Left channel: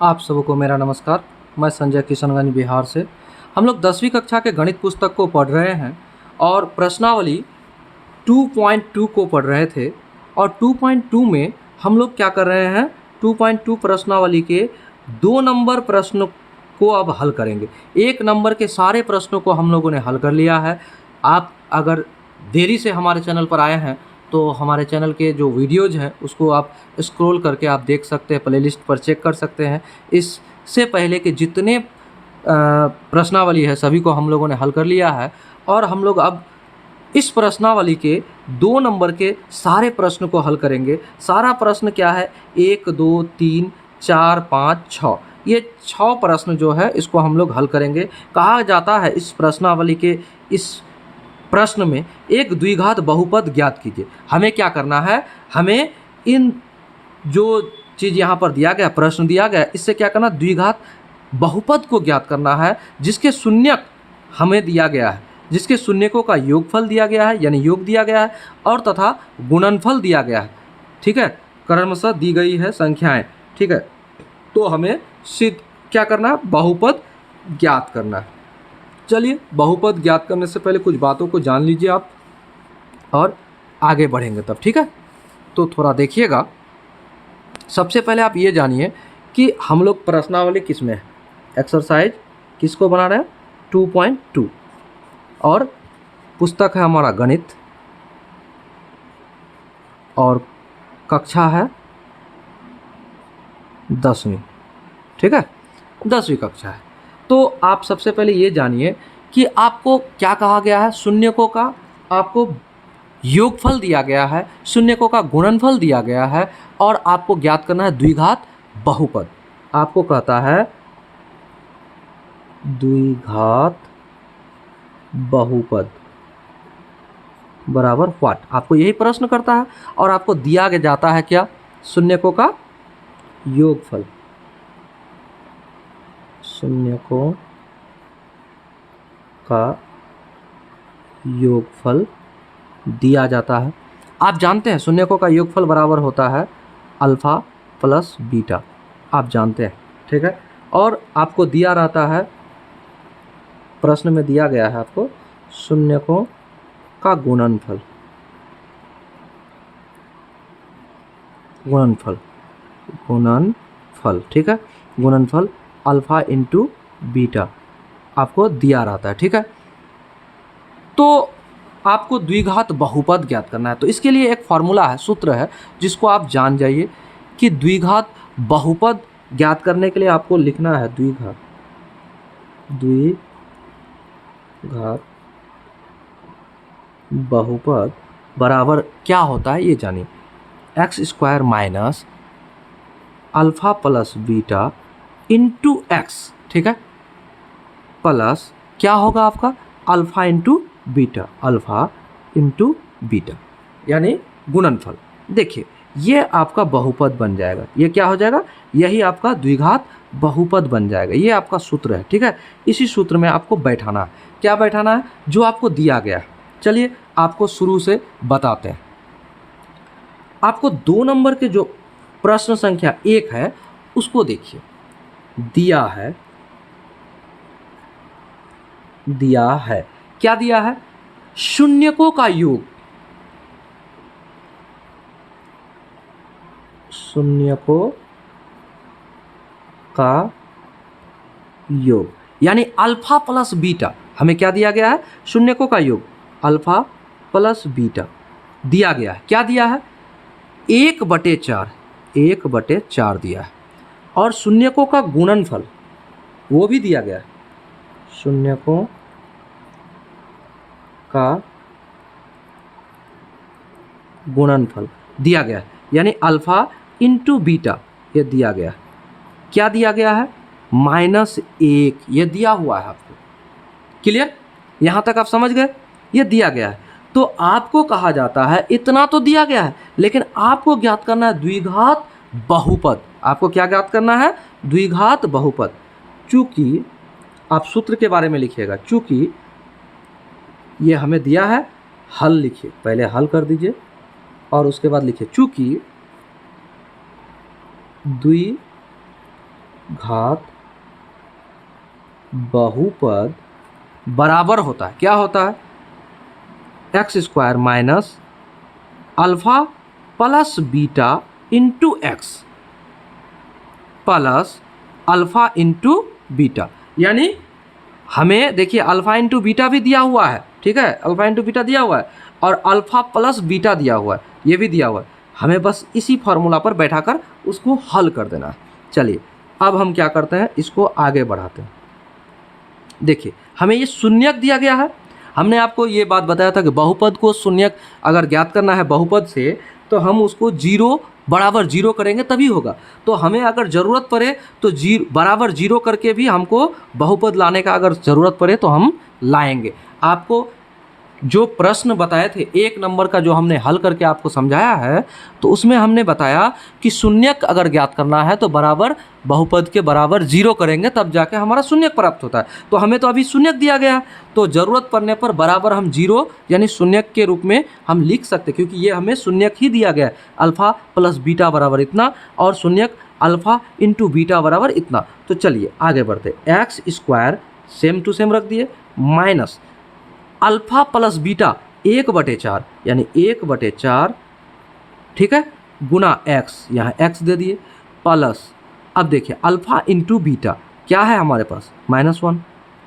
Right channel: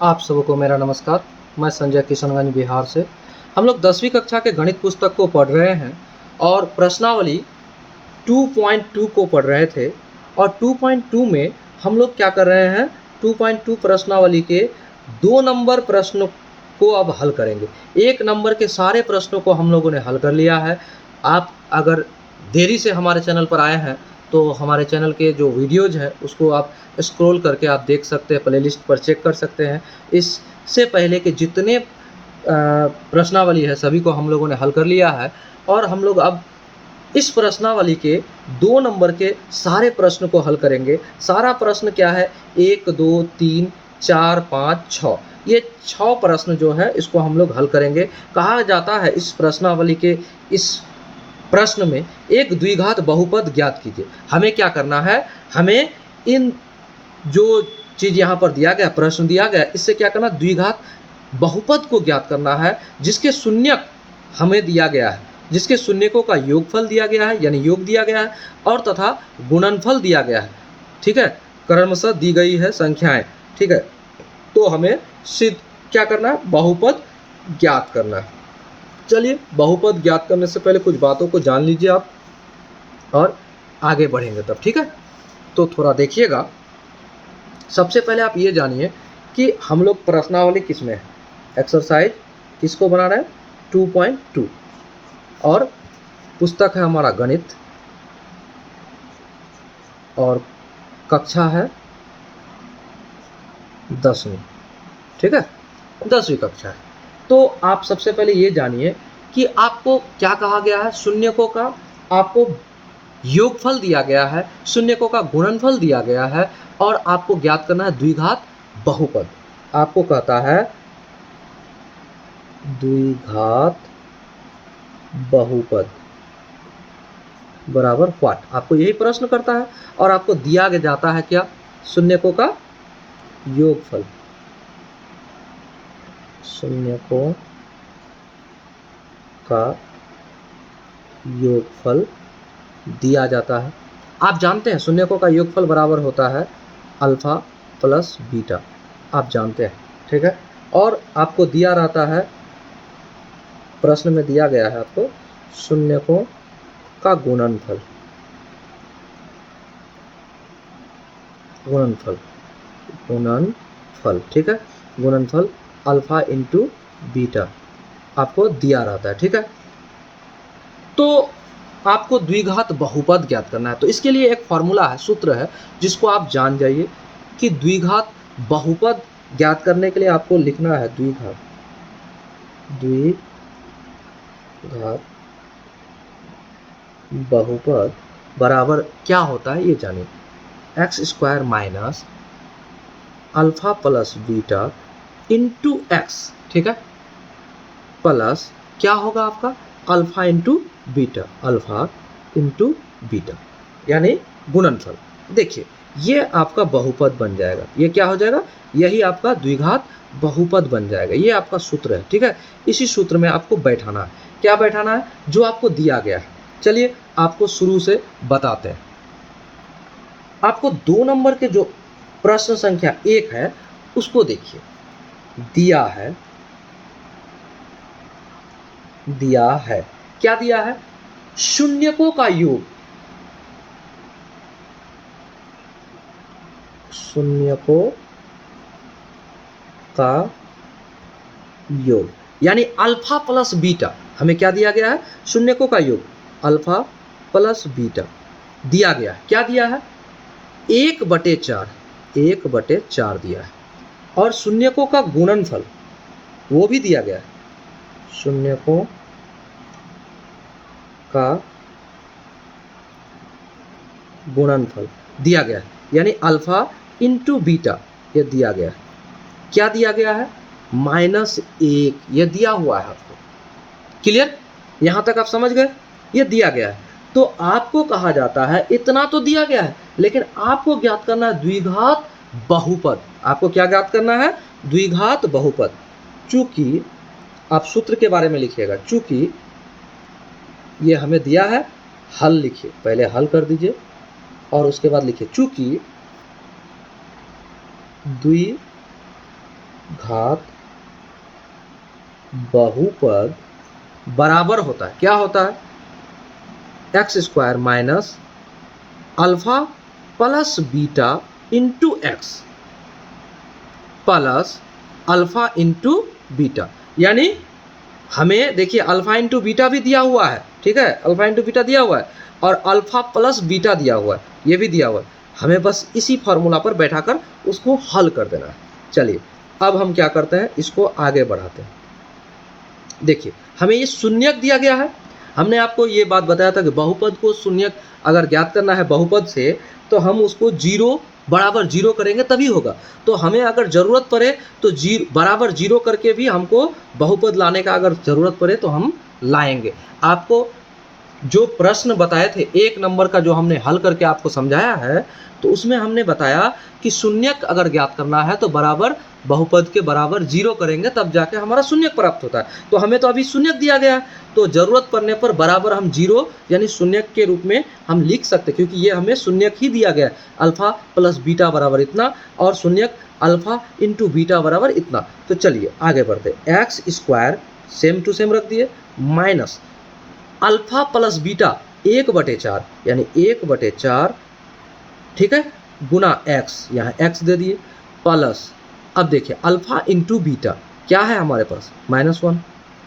आप सबको मेरा नमस्कार। मैं संजय किशनगंज बिहार से। हम लोग 10वीं कक्षा के गणित पुस्तक को पढ़ रहे हैं और प्रश्नावली 2.2 को पढ़ रहे थे। और 2.2 में हम लोग क्या कर रहे हैं, 2.2 प्रश्नावली के 2 नंबर प्रश्न को अब हल करेंगे। 1 नंबर के सारे प्रश्नों को हम लोगों ने हल कर लिया है। आप अगर देरी से हमारे चैनल पर आए हैं तो हमारे चैनल के जो वीडियोज हैं उसको आप स्क्रॉल करके आप देख सकते हैं, प्लेलिस्ट पर चेक कर सकते हैं। इससे पहले के जितने प्रश्नावली है सभी को हम लोगों ने हल कर लिया है और हम लोग अब इस प्रश्नावली के 2 नंबर के सारे प्रश्न को हल करेंगे। सारा प्रश्न क्या है, 1 2 3 4 5 6, ये 6 प्रश्न जो है इसको हम लोग हल करेंगे। कहा जाता है इस प्रश्नावली के इस प्रश्न में एक द्विघात बहुपद ज्ञात कीजिए। हमें क्या करना है, हमें इन जो चीज़ यहाँ पर दिया गया, प्रश्न दिया गया, इससे क्या करना, द्विघात बहुपद को ज्ञात करना है जिसके शून्यक हमें दिया गया है, जिसके शून्यकों का योगफल दिया गया है यानी योग दिया गया है और तथा गुणनफल दिया गया है। ठीक है, क्रमशः दी गई है संख्याएं। ठीक है, तो हमें सिद्ध क्या करना है, बहुपद ज्ञात करना है। चलिए, बहुपद ज्ञात करने से पहले कुछ बातों को जान लीजिए आप और आगे बढ़ेंगे तब। ठीक है, तो थोड़ा देखिएगा। सबसे पहले आप ये जानिए कि हम लोग प्रश्नावली किस में है, एक्सरसाइज किसको बना रहे हैं, 2.2, और पुस्तक है हमारा गणित और कक्षा है 10वीं। ठीक है, 10वीं कक्षा है। तो आप सबसे पहले ये जानिए कि आपको क्या कहा गया है, शून्यकों का आपको योगफल दिया गया है, शून्यकों का गुणनफल दिया गया है और आपको ज्ञात करना है द्विघात बहुपद। आपको कहता है द्विघात बहुपद बराबर व्हाट, आपको यही प्रश्न करता है और आपको दिया जाता है क्या, शून्यकों का योगफल। शून्यकों का योगफल दिया जाता है। आप जानते हैं शून्यकों का योगफल बराबर होता है अल्फा प्लस बीटा, आप जानते हैं। ठीक है, और आपको दिया रहता है, प्रश्न में दिया गया है आपको शून्यकों का गुणनफल। गुणनफल गुणनफल ठीक है, गुणनफल अल्फा इंटू बीटा आपको दिया रहता है। ठीक है, तो आपको द्विघात बहुपद ज्ञात करना है। तो इसके लिए एक फॉर्मूला है, सूत्र है, जिसको आप जान जाइए कि द्विघात बहुपद ज्ञात करने के लिए आपको लिखना है द्विघात बहुपद बराबर क्या होता है ये जानिए, x square minus alpha plus beta into x. ठीक है, प्लस क्या होगा आपका, alpha into beta, alpha into beta यानी गुणनफल। देखिए, ये आपका बहुपद बन जाएगा, ये क्या हो जाएगा, यही आपका द्विघात बहुपद बन जाएगा। ये आपका सूत्र है। ठीक है, इसी सूत्र में आपको बैठाना है। क्या बैठाना है, जो आपको दिया गया है। चलिए आपको शुरू से बताते हैं। आपको 2 नंबर के जो प्रश्न संख्या 1 है उसको देखिए, दिया है क्या दिया है, शून्यकों का योग, शून्यकों का योग यानी अल्फा प्लस बीटा। हमें क्या दिया गया है, शून्यकों का योग अल्फा प्लस बीटा दिया गया है। क्या दिया है, 1/4 दिया है और शून्यकों का गुणनफल वो भी दिया गया है, शून्यकों का गुणनफल दिया गया है यानी अल्फा इंटू बीटा ये दिया गया है। क्या दिया गया है, -1 ये दिया हुआ है आपको। क्लियर, यहाँ तक आप समझ गए, ये दिया गया है। तो आपको कहा जाता है, इतना तो दिया गया है लेकिन आपको ज्ञात करना है द्विघात बहुपद। आपको क्या ज्ञात करना है, द्विघात बहुपद। चूंकि आप सूत्र के बारे में लिखिएगा, चूंकि ये हमें दिया है, हल लिखिए, पहले हल कर दीजिए और उसके बाद लिखिए चूंकि घात बहुपद बराबर होता है, क्या होता है, x square minus alpha plus beta into x plus alpha into beta. यानी हमें देखिए अल्फा इंटू बीटा भी दिया हुआ है, ठीक है, अल्फा इंटू बीटा दिया हुआ है और अल्फा प्लस बीटा दिया हुआ है, ये भी दिया हुआ है। हमें बस इसी फार्मूला पर बैठाकर उसको हल कर देना है। चलिए अब हम क्या करते हैं, इसको आगे बढ़ाते हैं। देखिए हमें ये शून्यक दिया गया है। हमने आपको ये बात बताया था कि बहुपद को शून्यक अगर ज्ञात करना है बहुपद से तो हम उसको जीरो बराबर जीरो करेंगे तभी होगा। तो हमें अगर ज़रूरत पड़े तो बराबर जीरो करके भी हमको बहुपद लाने का अगर ज़रूरत पड़े तो हम लाएंगे। आपको जो प्रश्न बताए थे 1 नंबर का जो हमने हल करके आपको समझाया है, तो उसमें हमने बताया कि शून्यक अगर ज्ञात करना है तो बराबर बहुपद के बराबर जीरो करेंगे तब जाके हमारा शून्यक प्राप्त होता है। तो हमें तो अभी शून्यक दिया गया, तो ज़रूरत पड़ने पर बराबर हम जीरो यानी शून्यक के रूप में हम लिख सकते, क्योंकि ये हमें शून्यक ही दिया गया है, अल्फ़ा प्लस बीटा बराबर इतना और शून्यक अल्फ़ा इंटू बीटा बराबर इतना। तो चलिए आगे बढ़ते, x square same to same रख दिए माइनस अल्फा प्लस बीटा 1/4 यानी 1/4, ठीक है, गुना एक्स, यहाँ एक्स दे दिए प्लस, अब देखिए अल्फा इंटू बीटा क्या है हमारे पास -1,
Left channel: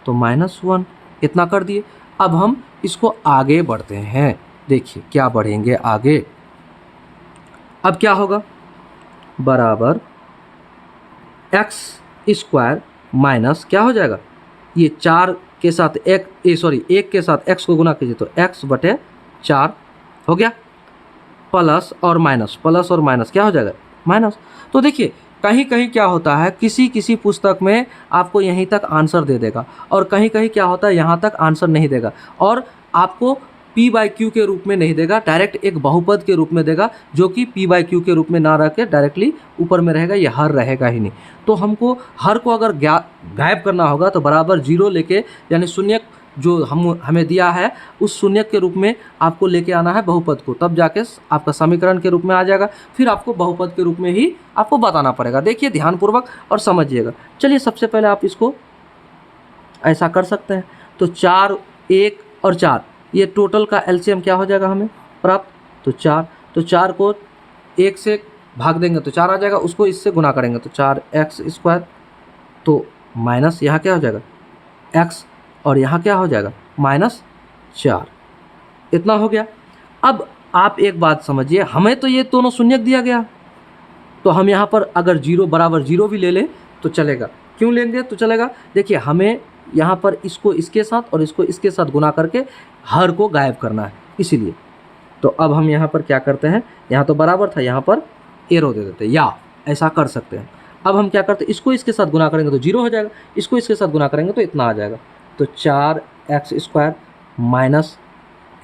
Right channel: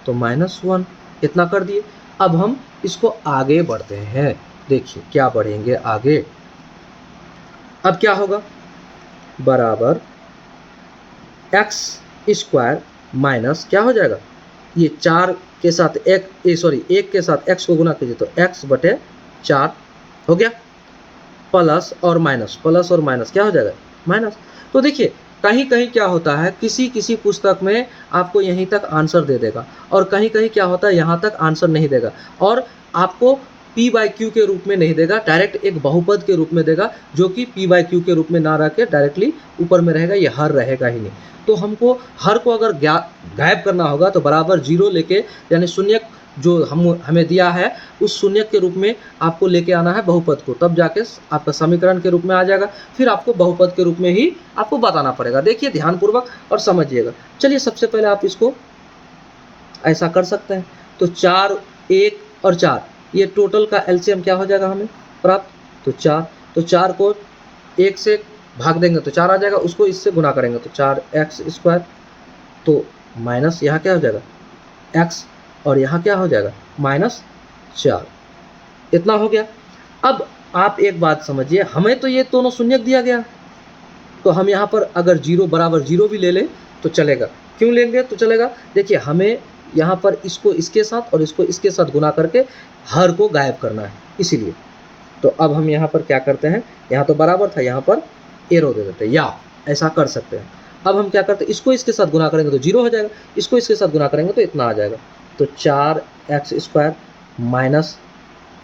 तो -1 इतना कर दिए। अब हम इसको आगे बढ़ते हैं, देखिए क्या बढ़ेंगे आगे। अब क्या होगा, बराबर एक्स स्क्वायर माइनस क्या हो जाएगा, ये 4 के साथ एक के साथ x को गुना कीजिए तो x/4 हो गया, प्लस और माइनस क्या हो जाएगा, माइनस। तो देखिए कहीं कहीं क्या होता है, किसी किसी पुस्तक में आपको यहीं तक आंसर दे देगा और कहीं कहीं क्या होता है यहाँ तक आंसर नहीं देगा और आपको p/q के रूप में नहीं देगा, डायरेक्ट एक बहुपद के रूप में देगा, जो कि p/q के रूप में ना रह के डायरेक्टली ऊपर में रहेगा, ये हर रहेगा ही नहीं। तो हमको हर को अगर गायब करना होगा तो बराबर जीरो लेके, यानी शून्यक जो हमें दिया है उस शून्यक के रूप में आपको लेके आना है बहुपद को, तब जाके आपका समीकरण के रूप में आ जाएगा, फिर आपको बहुपद के रूप में ही आपको बताना पड़ेगा। देखिए ध्यानपूर्वक और समझिएगा। चलिए सबसे पहले आप इसको ऐसा कर सकते हैं, तो 4, 1 और 4 ये टोटल का एलसीएम क्या हो जाएगा हमें प्राप्त, तो 4, तो 4 को 1 से भाग देंगे तो 4 आ जाएगा, उसको इससे गुना करेंगे तो 4x स्क्वायर, तो माइनस यहाँ क्या हो जाएगा x और यहाँ क्या हो जाएगा -4, इतना हो गया। अब आप एक बात समझिए, हमें तो ये दोनों शून्यक दिया गया, तो हम यहाँ पर अगर जीरो बराबर जीरो भी ले लें तो चलेगा। क्यों लेंगे तो चलेगा, देखिए हमें यहाँ पर इसको इसके साथ और इसको इसके साथ गुना करके हर को गायब करना है, इसीलिए। तो अब हम यहाँ पर क्या करते हैं, यहाँ तो बराबर था, यहाँ पर एरो दे देते हैं, या ऐसा कर सकते हैं। अब हम क्या करते हैं, इसको इसके साथ गुना करेंगे तो जीरो हो जाएगा, इसको इसके साथ गुना करेंगे तो इतना आ जाएगा, तो 4x square minus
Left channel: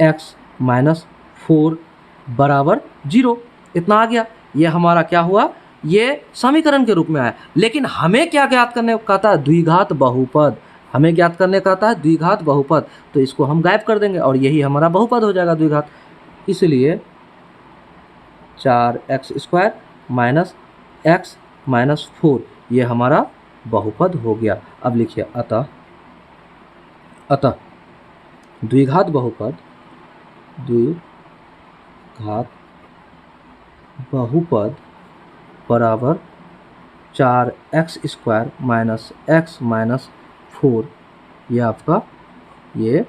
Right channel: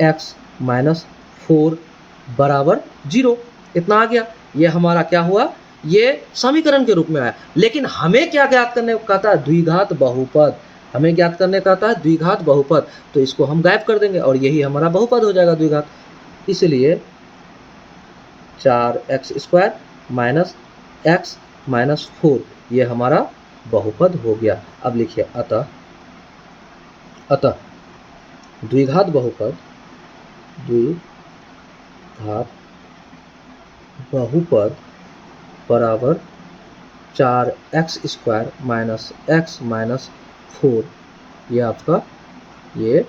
x minus 4 बराबर 0, इतना आ गया। ये हमारा क्या हुआ, ये समीकरण के रूप में आया। लेकिन हमें क्या ज्ञात करने का था, द्विघात बहुपद, हमें ज्ञात करने का था द्विघात बहुपद, तो इसको हम गायब कर देंगे और यही हमारा बहुपद हो जाएगा द्विघात। इसलिए 4x square minus x minus 4 ये हमारा बहुपद हो गया। अब लिखिए अतः द्विघात बहुपद बराबर 4x square minus x minus 4, ये आपका ये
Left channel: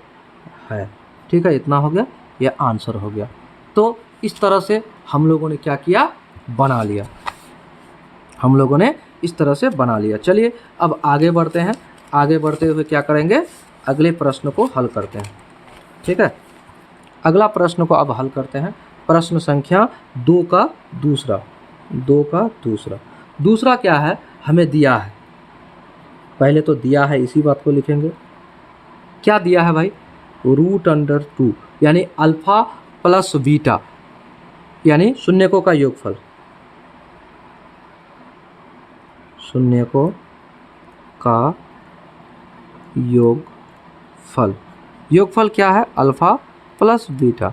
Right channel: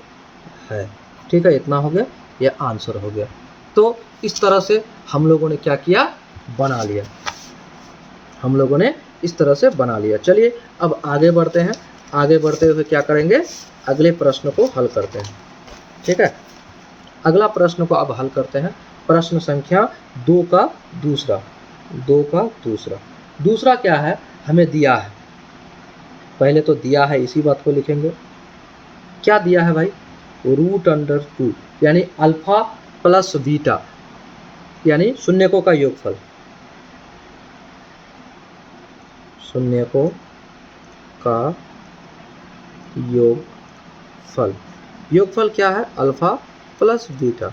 है, ठीक है, इतना हो गया, ये आंसर हो गया। तो इस तरह से हम लोगों ने क्या किया, बना लिया, हम लोगों ने इस तरह से बना लिया। चलिए अब आगे बढ़ते हैं, आगे बढ़ते हुए क्या करेंगे, अगले प्रश्न को हल करते हैं, ठीक है। अगला प्रश्न को अब हल करते हैं, प्रश्न संख्या 2 का दूसरा क्या है, हमें दिया है, पहले तो दिया है, इसी बात को लिखेंगे। क्या दिया है भाई, √2 यानी अल्फा प्लस बीटा यानी शून्यकों का योगफल, शून्यकों का योगफल क्या है, अल्फा प्लस बीटा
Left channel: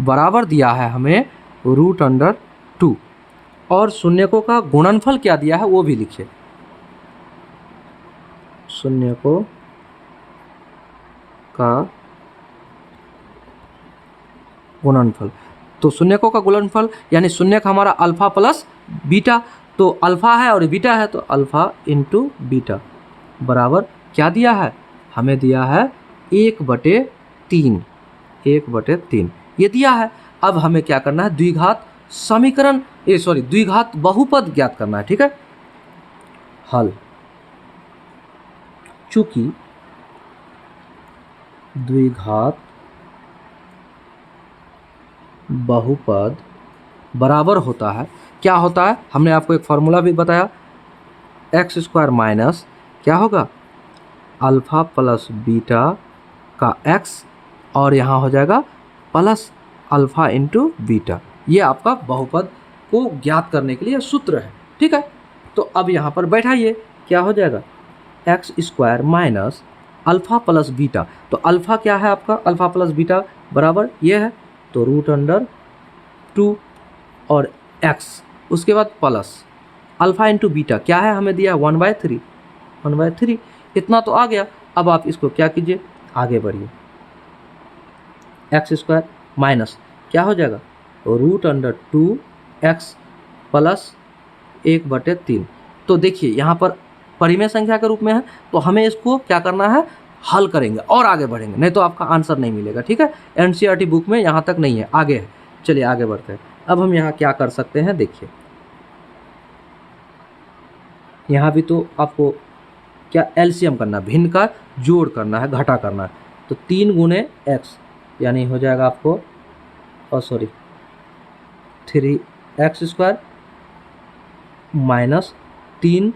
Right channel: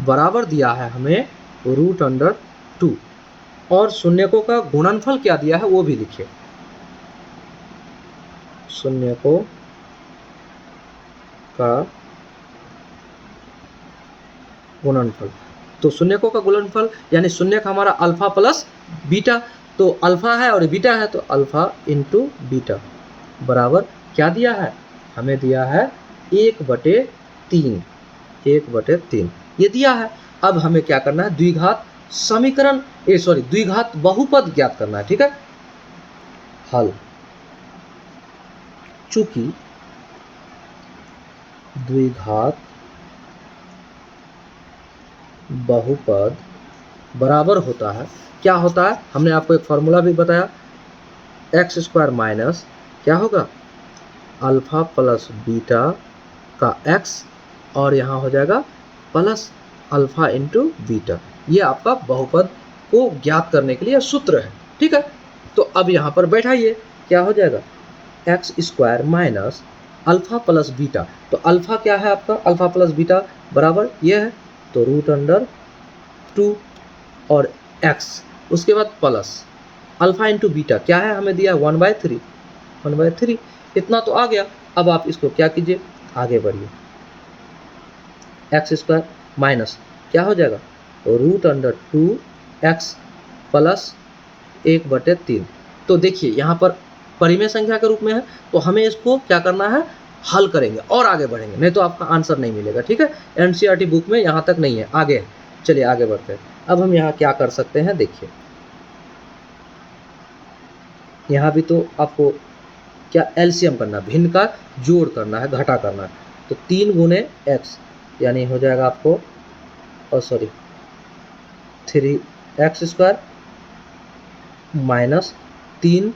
बराबर दिया है हमें √2 और शून्यकों का गुणनफल क्या दिया है वो भी लिखिए, शून्यकों का गुणनफल। तो शून्यकों का गुणनफल यानी शून्यक हमारा अल्फा प्लस बीटा, तो अल्फा है और बीटा है, तो अल्फा इंटू बीटा बराबर क्या दिया है, हमें दिया है 1/3, 1/3 ये दिया है। अब हमें क्या करना है, द्विघात समीकरण द्विघात बहुपद ज्ञात करना है। ठीक है, हल। चूंकि द्विघात बहुपद बराबर होता है, क्या होता है, हमने आपको एक फॉर्मूला भी बताया, x² माइनस क्या होगा, अल्फा प्लस बीटा का x, और यहाँ हो जाएगा प्लस अल्फा इंटू बीटा। ये आपका बहुपद को ज्ञात करने के लिए सूत्र है। ठीक है, तो अब यहाँ पर बैठाइए, क्या हो जाएगा, x² minus alpha plus beta, तो अल्फा क्या है आपका, अल्फा प्लस बीटा बराबर ये है, तो √2 और x, उसके बाद प्लस अल्फा इंटू बीटा क्या है, हमें दिया 1/3, इतना तो आ गया। अब आप इसको क्या कीजिए, आगे बढ़िए, x² माइनस क्या हो जाएगा, √2x प्लस 1/3। तो देखिए यहाँ पर परिमेय संख्या के रूप में है, तो हमें इसको क्या करना है, हल करेंगे और आगे बढ़ेंगे, नहीं तो आपका आंसर नहीं मिलेगा। ठीक है, एनसीईआरटी बुक में यहाँ तक नहीं है, आगे है। चलिए आगे बढ़ते हैं। अब हम यहाँ क्या कर सकते हैं, देखिए यहाँ भी तो आपको क्या एलसीएम करना है, भिन्न का जोड़ करना है, घटा करना है, तो 3 गुणे x यानी हो जाएगा आपको 3x² माइनस 3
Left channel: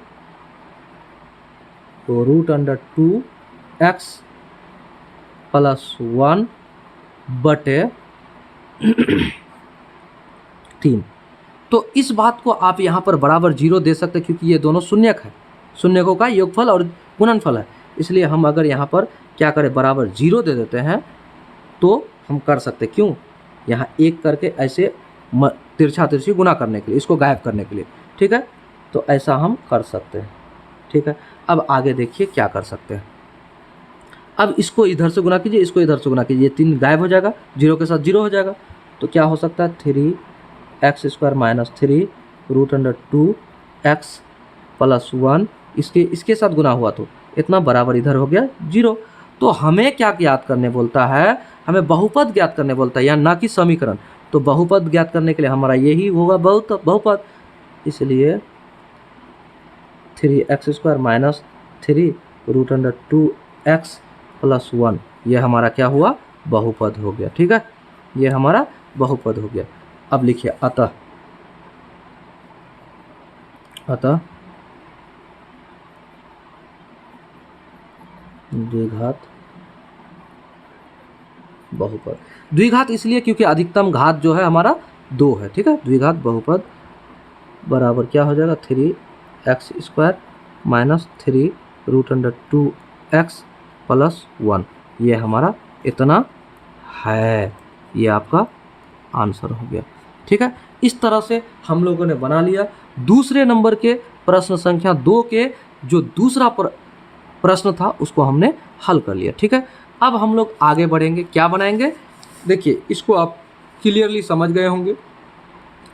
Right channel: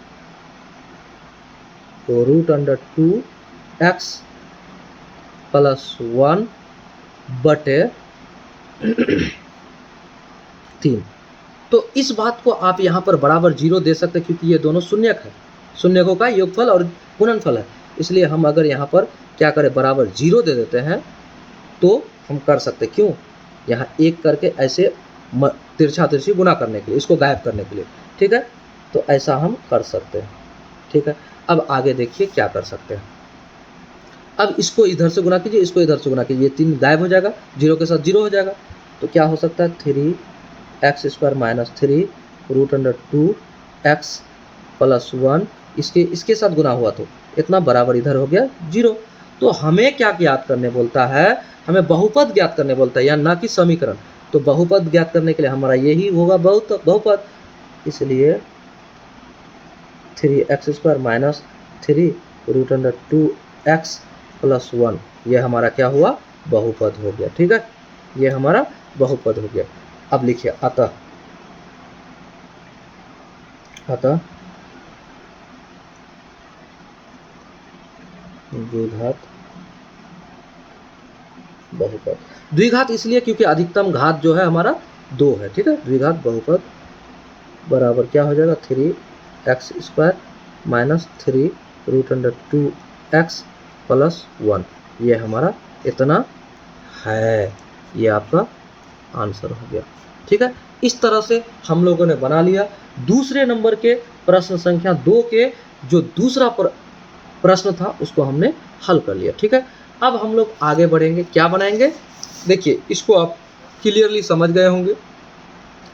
√2x प्लस 1/3। तो इस बात को आप यहाँ पर बराबर 0 दे सकते हैं, क्योंकि ये दोनों शून्यक है, शून्यकों का योगफल और गुणनफल है। इसलिए हम अगर यहाँ पर क्या करें, बराबर 0 दे देते हैं, तो हम कर सकते, क्यों, यहाँ एक करके ऐसे तिरछा तिरछी गुना करने के लिए, इसको गायब करने के लिए। ठीक है, तो ऐसा हम कर सकते हैं। ठीक है, अब आगे देखिए क्या कर सकते हैं। अब इसको इधर से गुना कीजिए, इसको इधर से गुना कीजिए, 3 गायब हो जाएगा, 0 के साथ 0 हो जाएगा, तो क्या हो सकता है, 3x² माइनस 3 √2x प्लस 1, इसके साथ गुना हुआ तो इतना बराबर इधर हो गया 0। तो हमें क्या ज्ञात करने बोलता है, हमें बहुपद ज्ञात करने बोलता है, या ना कि समीकरण। तो बहुपद ज्ञात करने के लिए हमारा यही होगा बहुपद, इसलिए 3x² माइनस 3 √2x प्लस 1, ये हमारा क्या हुआ, बहुपद हो गया। ठीक है, ये हमारा बहुपद हो गया। अब लिखिए अतः द्विघात बहुपद, द्विघात इसलिए क्योंकि अधिकतम घात जो है हमारा 2 है। ठीक है, द्विघात बहुपद बराबर क्या हो जाएगा, 3x² माइनस 3 √2x प्लस 1, ये हमारा इतना है, ये आपका आंसर हो गया। ठीक है, इस तरह से हम लोगों ने बना लिया दूसरे नंबर के प्रश्न संख्या 2 के जो दूसरा प्रश्न था उसको हमने हल कर लिया। ठीक है, अब हम लोग आगे बढ़ेंगे, क्या बनाएंगे, देखिए इसको आप क्लियरली समझ गए होंगे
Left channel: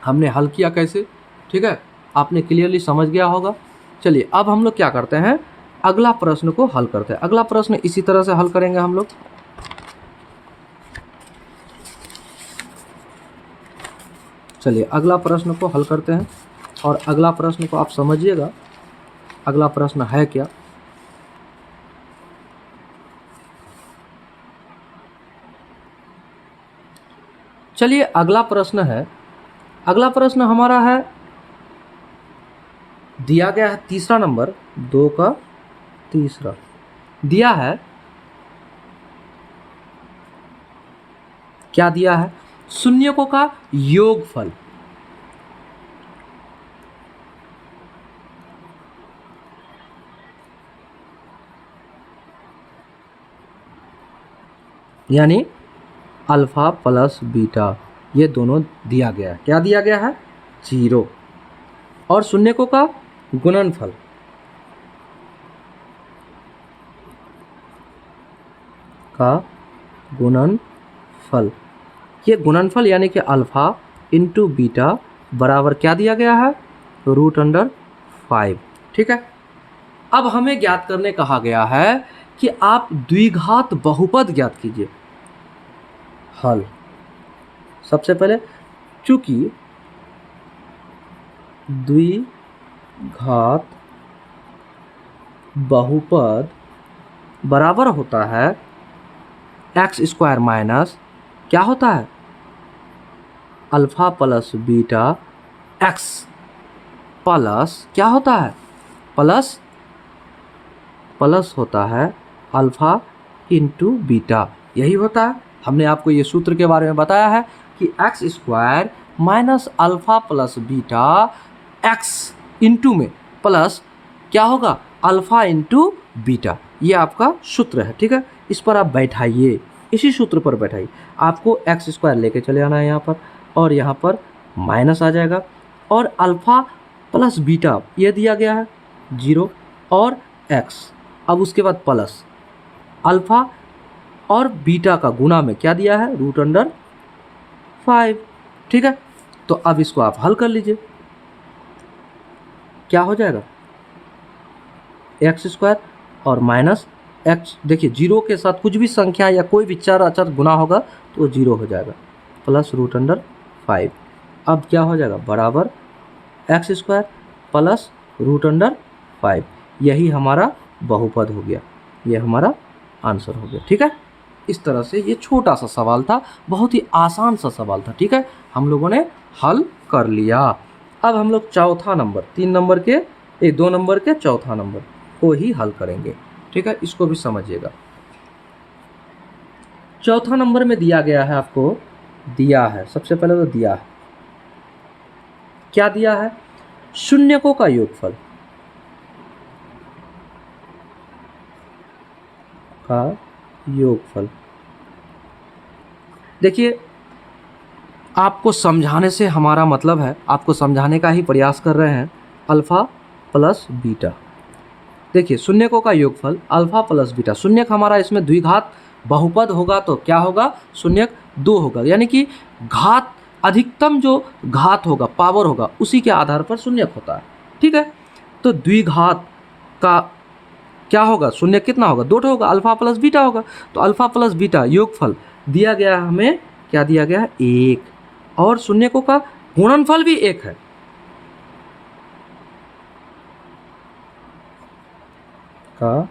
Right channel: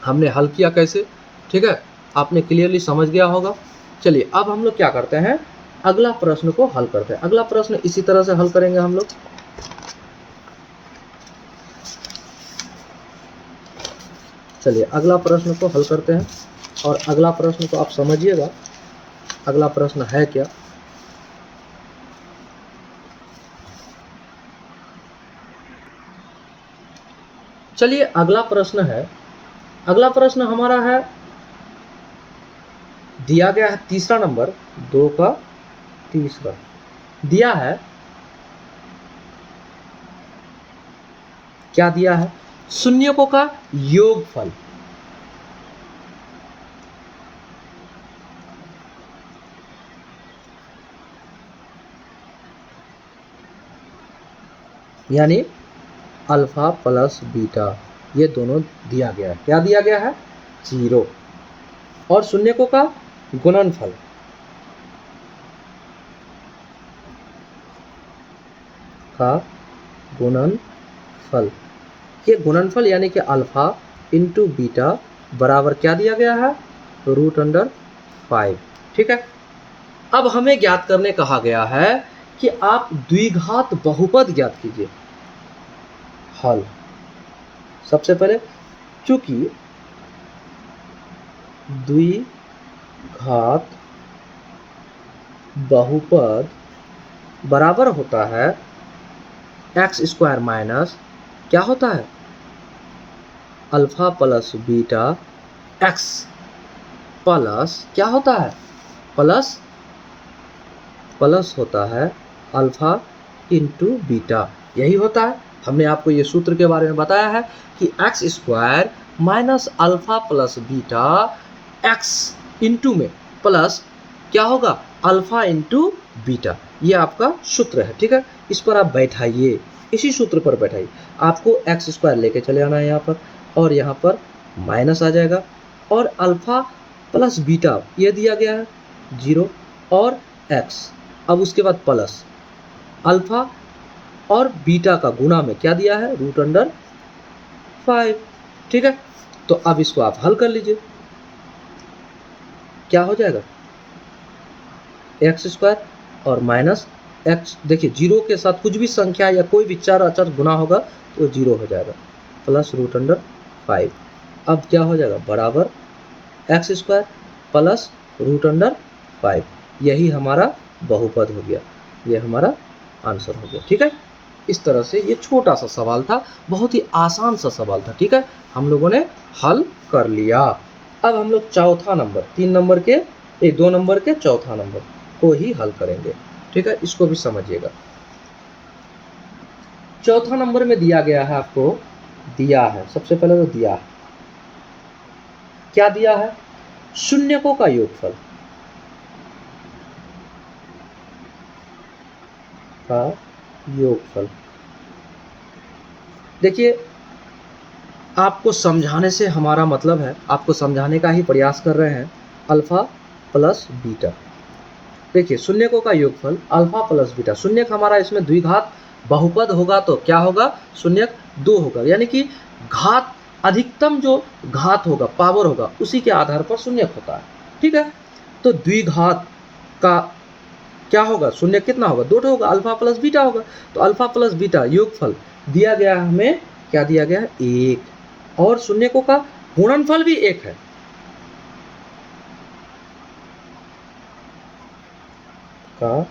हमने हल किया कैसे। ठीक है, आपने क्लियरली समझ गया होगा। चलिए अब हम लोग क्या करते हैं, अगला प्रश्न को हल करते हैं। अगला प्रश्न इसी तरह से हल करेंगे हम लोग। चलिए अगला प्रश्न को हल करते हैं, और अगला प्रश्न को आप समझिएगा, अगला प्रश्न है क्या। चलिए अगला प्रश्न है, अगला प्रश्न हमारा है, दिया गया है तीसरा नंबर 2 का तीसरा, दिया है, क्या दिया है, शून्यकों का योगफल। यानी अल्फा प्लस बीटा, ये दोनों दिया गया है। क्या दिया गया है, 0, और शून्यकों का गुणनफल, का गुणनफल। ये गुणनफल यानी कि अल्फा इंटू बीटा बराबर क्या दिया गया है, √5। ठीक है, अब हमें ज्ञात करने कहा गया है कि आप द्विघात बहुपद ज्ञात कीजिए। हल, सबसे पहले चूंकि द्विघात बहुपद बराबर होता है x² माइनस क्या होता है, alpha plus beta x plus क्या होता है, प्लस होता है अल्फा इंटू बीटा। यही होता है, हमने आपको ये सूत्र के बारे में बताया है कि x² minus alpha plus beta x into में प्लस क्या होगा, अल्फा इंटू बीटा। ये आपका सूत्र है। ठीक है, इस पर आप बैठाइए, इसी सूत्र पर बैठाइए। आपको x² लेके चले आना है यहाँ पर, और यहाँ पर माइनस आ जाएगा, और अल्फा प्लस बीटा ये दिया गया है 0 और x, अब उसके बाद प्लस अल्फा और बीटा का गुणा में क्या दिया है, √5। ठीक है, तो अब इसको आप हल कर लीजिए, क्या हो जाएगा, x² और माइनस x, देखिए 0 के साथ कुछ भी संख्या या कोई भी चर अचर गुना होगा तो 0 हो जाएगा, प्लस √5। अब क्या हो जाएगा, बराबर x² प्लस √5। यही हमारा बहुपद हो गया, ये हमारा आंसर हो गया। ठीक है, इस तरह से ये छोटा सा सवाल था, बहुत ही आसान सा सवाल था। ठीक है, हम लोगों ने हल कर लिया। अब हम लोग चौथा नंबर, 2 नंबर के चौथा नंबर को ही हल करेंगे। ठीक है, इसको भी समझिएगा। चौथा नंबर में दिया गया है, आपको दिया है, सबसे पहले तो दिया है, क्या दिया है, शून्यकों का योगफल देखिए, आपको समझाने से हमारा मतलब है, आपको समझाने का ही प्रयास कर रहे हैं। अल्फा प्लस बीटा, देखिए शून्यकों का योगफल अल्फा प्लस बीटा, शून्यक हमारा इसमें द्विघात बहुपद होगा तो क्या होगा, शून्यक 2 होगा, यानी कि घात अधिकतम जो घात होगा, पावर होगा, उसी के आधार पर शून्यक होता है। ठीक है, तो द्विघात का क्या होगा, शून्य कितना होगा, 2 होगा, अल्फा प्लस बीटा होगा। तो अल्फा प्लस बीटा योगफल दिया गया है हमें, क्या दिया गया है, 1, और शून्यकों का गुणनफल भी 1 है। का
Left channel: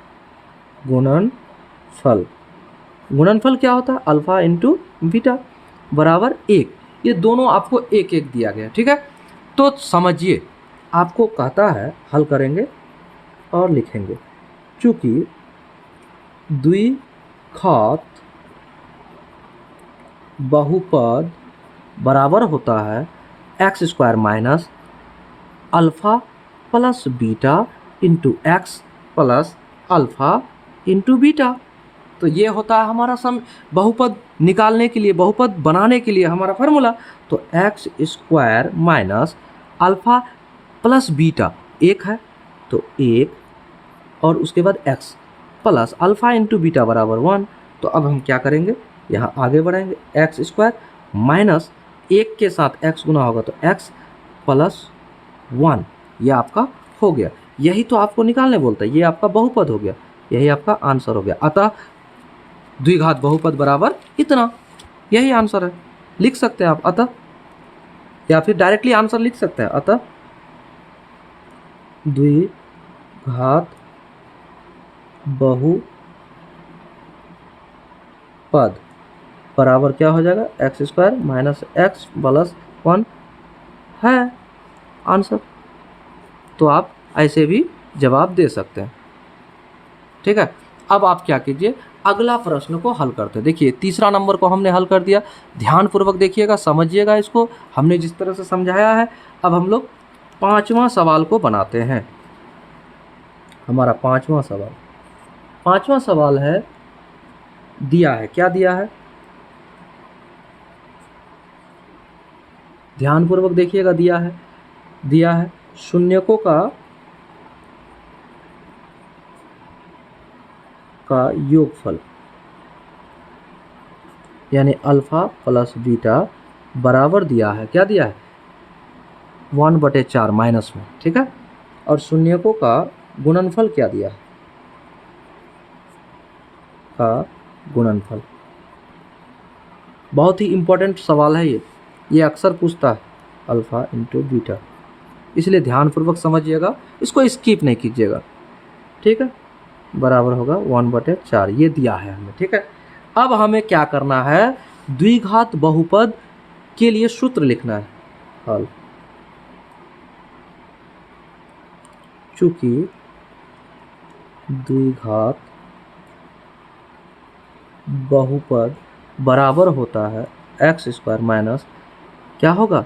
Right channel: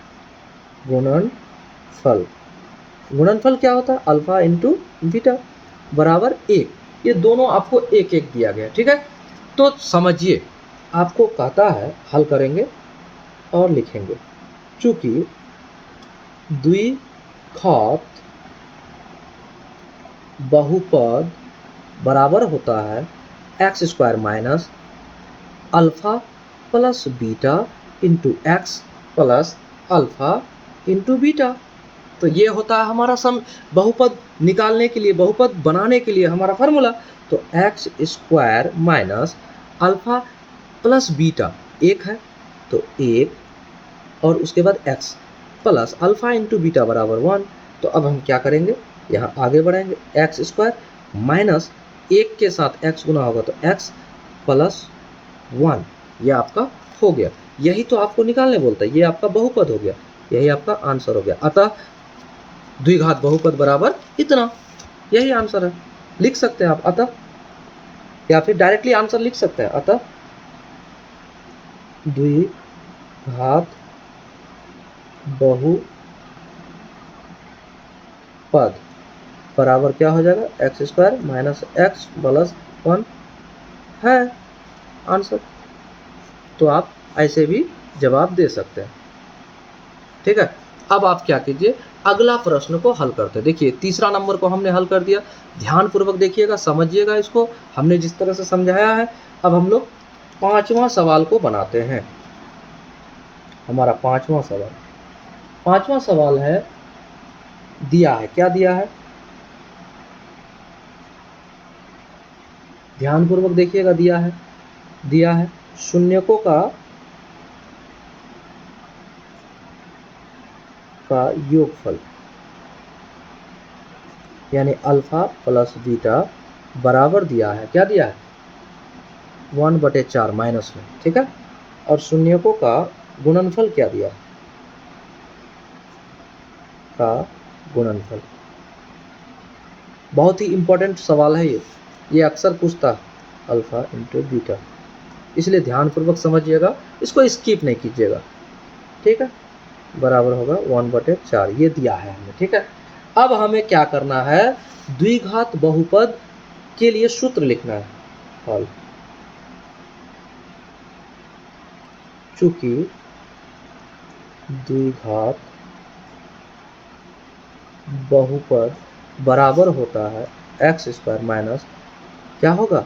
गुणनफल क्या होता है, अल्फा इंटू बीटा बराबर 1। ये दोनों आपको 1 दिया गया। ठीक है, तो समझिए, आपको कहता है हल करेंगे और लिखेंगे, चूंकि द्विघात बहुपद बराबर होता है x² minus alpha plus beta into x plus alpha into beta. तो ये होता है हमारा बहुपद निकालने के लिए, बहुपद बनाने के लिए हमारा फार्मूला। तो x² minus alpha plus beta 1 है, तो 1, और उसके बाद x plus alpha into beta बराबर 1। तो अब हम क्या करेंगे, यहाँ आगे बढ़ाएंगे, x² माइनस 1 के साथ x गुना होगा तो x प्लस 1, यह आपका हो गया। यही तो आपको निकालने बोलता है, ये आपका बहुपद हो गया, यही आपका आंसर हो गया। अतः द्विघात बहुपद बराबर इतना, यही आंसर है। लिख सकते हैं आप अतः, या फिर डायरेक्टली आंसर लिख सकते हैं, अतः द्विघात बहुपद बराबर क्या हो जाएगा, x² माइनस x प्लस 1 है आंसर। तो आप ऐसे भी जवाब दे सकते हैं। ठीक है, अब आप क्या कीजिए, अगला प्रश्न को हल करते हैं। देखिए, तीसरा नंबर को हमने हल कर दिया, ध्यानपूर्वक देखिएगा, समझिएगा इसको, हमने जिस तरह से समझाया है। अब हम लोग 5वां सवाल को बनाते हैं। हमारा 5वां सवाल है, दिया है, क्या दिया है, ध्यानपूर्वक देखिएगा, दिया है शून्यकों का योगफल, 5 का यानी अल्फ़ा प्लस बीटा बराबर दिया है, क्या दिया है, 1/4 माइनस में, ठीक है। और शून्यकों का गुणनफल क्या दिया है, का गुणनफल। बहुत ही इंपॉर्टेंट सवाल है ये अक्सर पूछता है, अल्फ़ा इंटू बीटा, इसलिए ध्यानपूर्वक समझिएगा, इसको स्किप नहीं कीजिएगा, ठीक है। बराबर होगा 1/4, ये दिया है हमें, ठीक है। अब हमें क्या करना है, द्विघात बहुपद के लिए सूत्र लिखना है, हल। चूंकि द्विघात बहुपद बराबर होता है x² माइनस क्या होगा,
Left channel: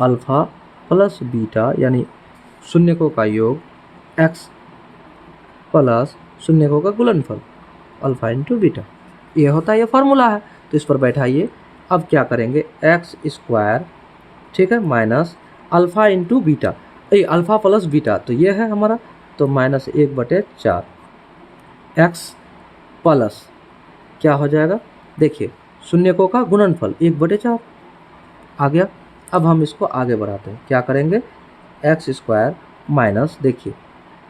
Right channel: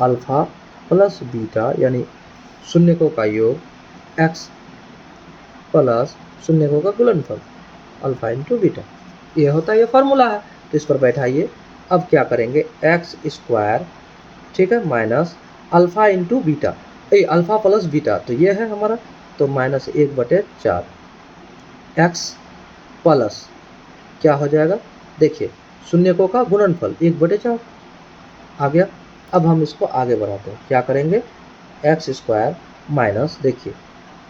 अल्फ़ा प्लस बीटा, यानी शून्यकों का योग, x प्लस शून्यकों का गुणनफल, अल्फ़ा इंटू बीटा, ये होता है, ये फॉर्मूला है। तो इस पर बैठाइए। अब क्या करेंगे, x², ठीक है, minus alpha into beta, alpha plus beta, तो ये है हमारा, तो -1/4 x प्लस क्या हो जाएगा, देखिए शून्यकों का गुणनफल 1/4 आ गया। अब हम इसको आगे बढ़ाते हैं, क्या करेंगे, x² माइनस, देखिए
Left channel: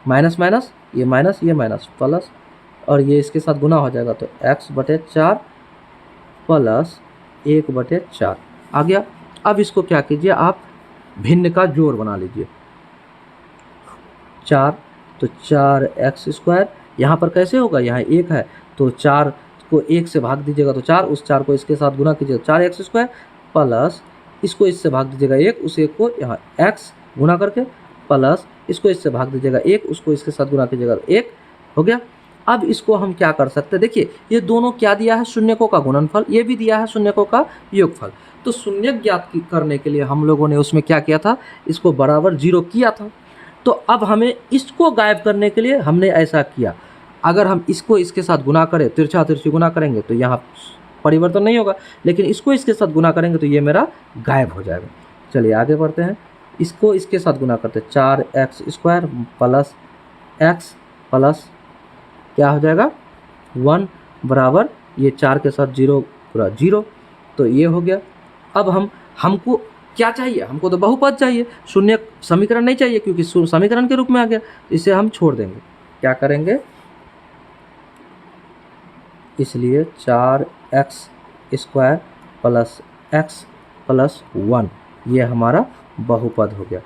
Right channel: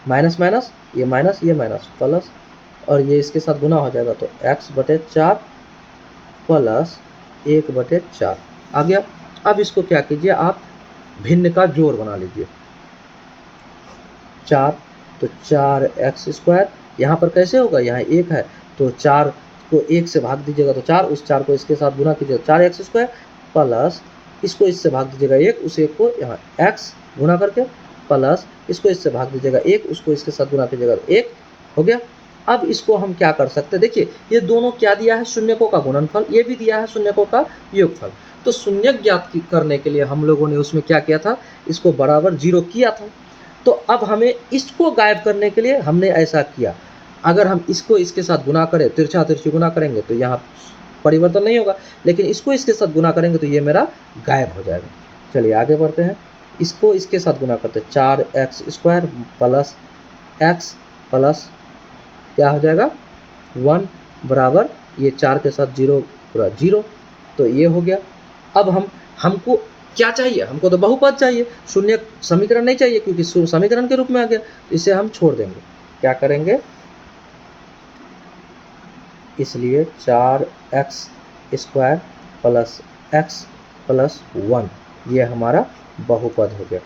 माइनस माइनस, ये माइनस प्लस, और ये इसके साथ गुना हो जाएगा, तो x/4 प्लस 1/4 आ गया। अब इसको क्या कीजिए, आप भिन्न का जोड़ बना लीजिए, 4, तो 4x², यहाँ पर कैसे होगा, यहाँ 1 है, तो 4 को 1 से भाग दीजिएगा तो 4, उस 4 को इसके साथ गुना कीजिएगा, 4x² प्लस इसको इससे भाग दीजिएगा 1, उस 1 को यहाँ x गुना करके, प्लस इसको इससे भाग दीजिएगा 1, उसको इसके साथ गुना कीजिएगा, 1 हो गया। अब इसको हम क्या कर सकते हैं, देखिए ये दोनों क्या दिया है, शून्यकों का गुणनफल, ये भी दिया है शून्यकों का योगफल। तो शून्यक ज्ञात करने के लिए हम लोगों ने उसमें क्या किया था, इसको बराबर 0 किया था। तो अब हमें इसको गायब करने के लिए हमने ऐसा किया, अगर हम इसको इसके साथ गुना करें, तिरछा तिरछी गुना करेंगे तो यहाँ परिवर्तन नहीं होगा, लेकिन इसको इसके साथ गुना करेंगे तो ये मेरा गायब हो जाएगा। चलिए आगे बढ़ते हैं, इसको इसके साथ गुना करते हैं, 4x² प्लस x प्लस क्या हो जाएगा 1 बराबर, ये 4 के साथ 0 पूरा 0, तो ये हो गया। अब हमको क्या चाहिए, हमको तो बहुपद चाहिए, शून्य समीकरण नहीं चाहिए, क्योंकि समीकरण के रूप में आ गया, इसे हम छोड़ देंगे। क्या करेंगे, इसलिए 4x² प्लस x प्लस 1 ये हमारा बहुपद हो गया।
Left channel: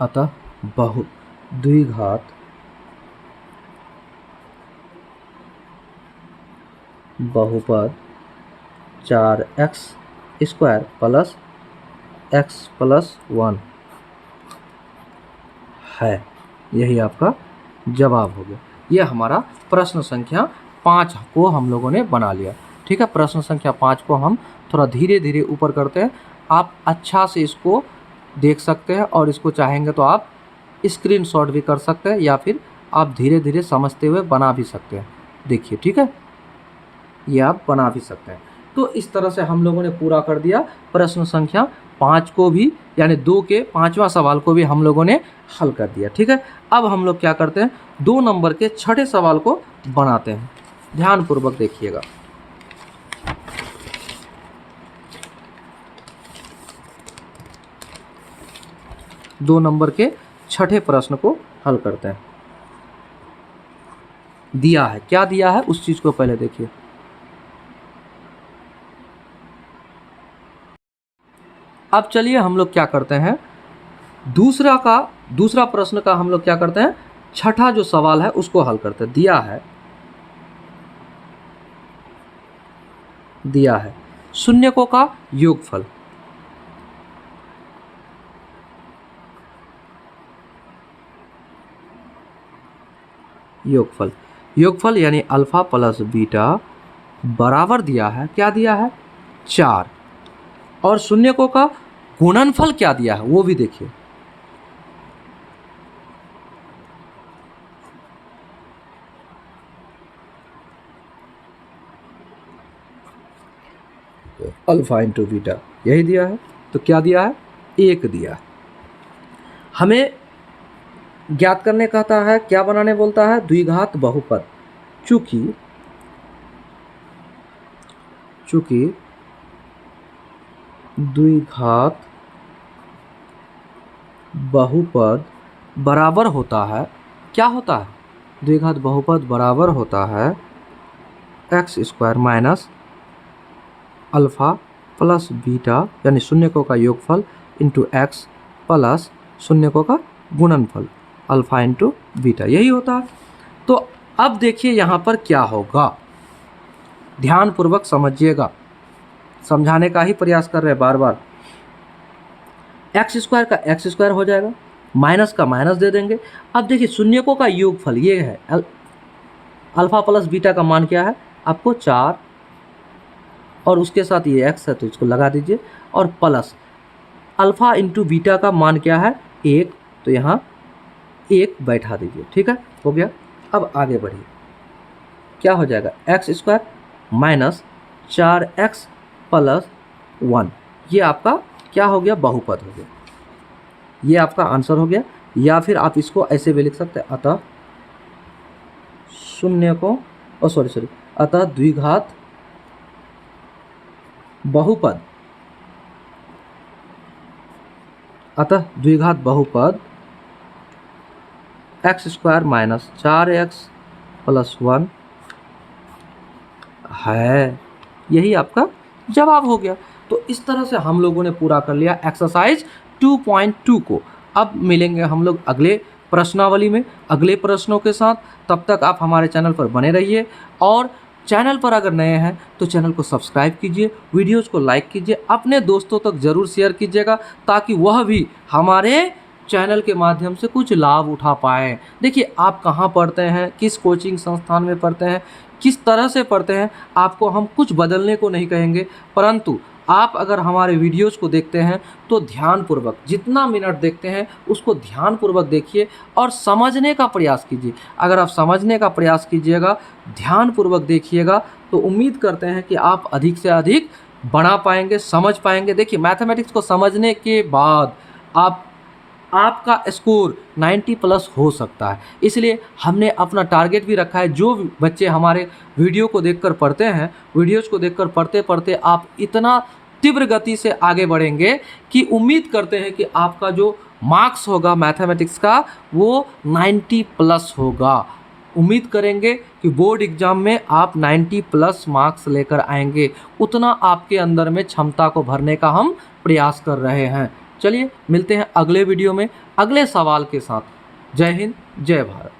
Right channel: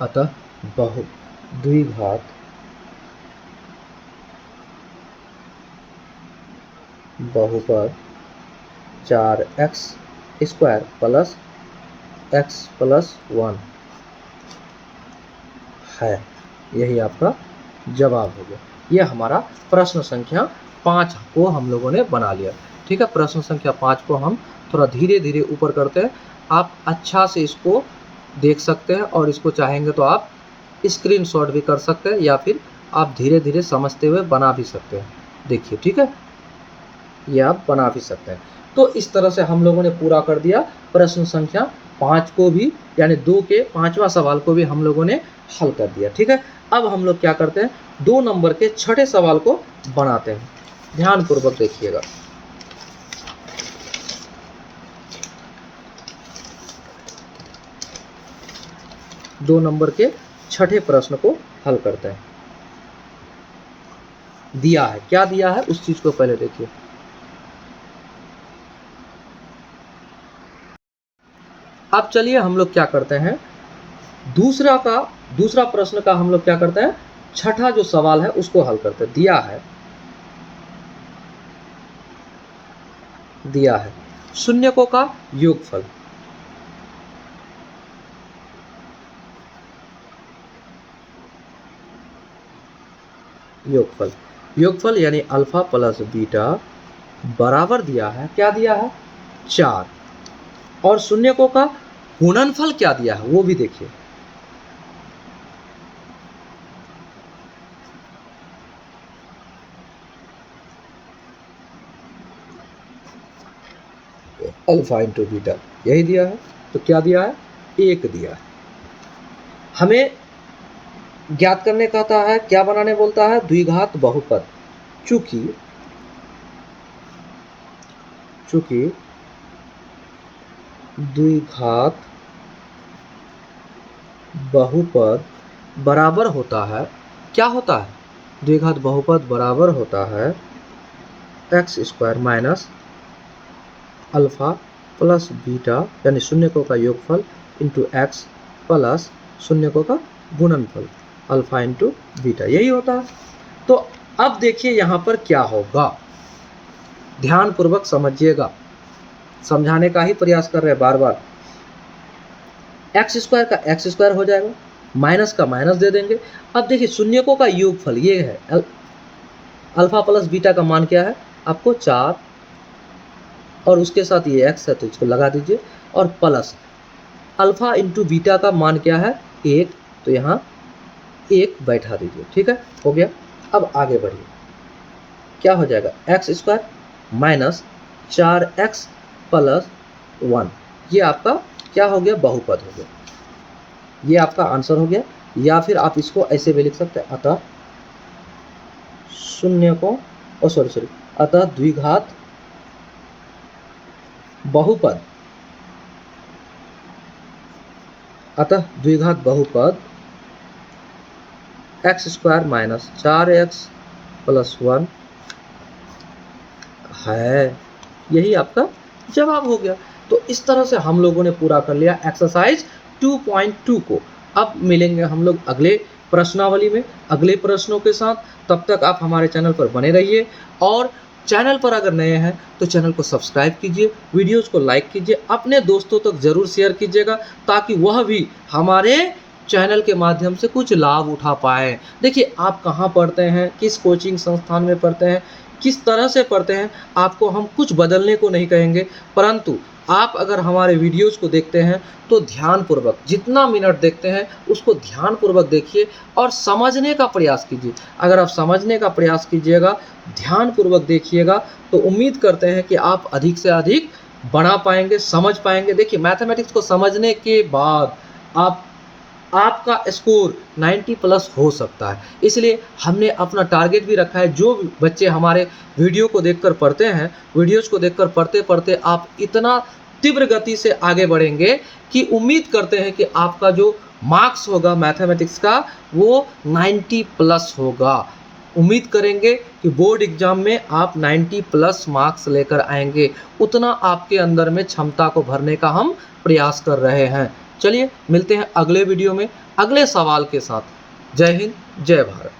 अतः द्विघात बहुपद 4x² प्लस x प्लस 1 है, यही आपका जवाब हो गया। यह हमारा प्रश्न संख्या 5 को हम लोगों ने बना लिया, ठीक है। प्रश्न संख्या 5 को हम थोड़ा धीरे धीरे ऊपर करते हैं, आप अच्छा से इसको देख सकते हैं, और इसको चाहेंगे तो आप स्क्रीनशॉट भी कर सकते हैं, या फिर आप धीरे धीरे समझते हुए बना भी सकते हैं, देखिए, ठीक है, ये आप बना भी सकते हैं। तो इस तरह से हम लोगों ने पूरा कर दिया प्रश्न संख्या 5 को भी, यानी 2 के 5वां सवाल को भी हम लोगों ने हल कर दिया, ठीक है। अब हम लोग क्या करते हैं, 2 नंबर के छठे सवाल को बनाते हैं, ध्यानपूर्वक देखिएगा। दो नंबर के छठे प्रश्न को हल करते हैं। दिया है, क्या दिया है उस चीज को पहले देखिए। अब चलिए हम लोग क्या करते हैं, दूसरा प्रश्न का हम लोग क्या करते हैं, छठा जो सवाल है उसको हल करते हैं। दिया है शून्यकों का योगफल, योगफल यानी अल्फा प्लस बीटा बराबर दिया है, क्या दिया है 4, और शून्यकों का गुणनफल क्या दिया है वो भी देखिए। अल्फा इंटू बीटा यही दिया है, तो क्या दिया है 1 दिया है। हमें ज्ञात करने कहता है, क्या बनाने बोलता है, द्विघात बहुपद। चूंकि चूंकि द्विघात बहुपद बराबर होता है, क्या होता है, द्विघात बहुपद बराबर होता है x square minus alpha plus beta, यानी शून्यकों का योगफल इंटू एक्स प्लस शून्यकों का गुणनफल अल्फा इंटू बीटा, यही होता है। तो अब देखिए यहाँ पर क्या होगा, ध्यानपूर्वक समझिएगा, समझाने का ही प्रयास कर रहे हैं बार बार। एक्स स्क्वायर का एक्स स्क्वायर हो जाएगा, माइनस का माइनस दे देंगे। अब देखिए शून्यकों का योगफल ये है, अल्फा प्लस बीटा का मान क्या है आपको 4, और उसके साथ ये एक्स है तो इसको लगा दीजिए, और प्लस अल्फा इंटू बीटा का मान क्या है 1, तो यहाँ 1 बैठा दीजिए, ठीक है, हो गया। अब आगे बढ़िए, क्या हो जाएगा x square minus 4x plus 1, ये आपका क्या हो गया, बहुपद हो गया, ये आपका आंसर हो गया। या फिर आप इसको ऐसे भी लिख सकते हैं, अतः शून्यकों अतः द्विघात बहुपद, x square minus 4x plus 1 है, यही आपका जवाब हो गया। तो इस तरह से हम लोगों ने पूरा कर लिया एक्सरसाइज 2.2 को। अब मिलेंगे हम लोग अगले प्रश्नावली में अगले प्रश्नों के साथ, तब तक आप हमारे चैनल पर बने रहिए, और चैनल पर अगर नए हैं तो चैनल को सब्सक्राइब कीजिए, वीडियोज़ को लाइक कीजिए, अपने दोस्तों तक ज़रूर शेयर कीजिएगा ताकि वह भी हमारे चैनल के माध्यम से कुछ लाभ उठा पाए। देखिए आप कहाँ पढ़ते हैं, किस कोचिंग संस्थान में पढ़ते हैं, किस तरह से पढ़ते हैं, आपको हम कुछ बदलने को नहीं कहेंगे, परंतु आप अगर हमारे वीडियोज़ को देखते हैं तो ध्यानपूर्वक, जितना मिनट देखते हैं उसको ध्यानपूर्वक देखिए और समझने का प्रयास कीजिए। अगर आप समझने का प्रयास कीजिएगा, ध्यानपूर्वक देखिएगा, तो उम्मीद करते हैं कि आप अधिक से अधिक बना पाएंगे, समझ पाएंगे। देखिए मैथमेटिक्स को समझने के बाद आपका स्कोर 90 प्लस हो सकता है, इसलिए हमने अपना टारगेट भी रखा है। जो बच्चे हमारे वीडियो को देखकर पढ़ते हैं, वीडियोज़ को देखकर पढ़ते पढ़ते आप इतना तीव्र गति से आगे बढ़ेंगे कि उम्मीद करते हैं कि आपका जो मार्क्स होगा मैथमेटिक्स का वो 90 प्लस होगा। उम्मीद करेंगे कि बोर्ड एग्जाम में आप 90 प्लस मार्क्स लेकर आएंगे, उतना आपके अंदर में क्षमता को भरने का हम प्रयास कर रहे हैं। चलिए मिलते हैं अगले वीडियो में अगले सवाल के साथ। जय हिंद, जय भारत।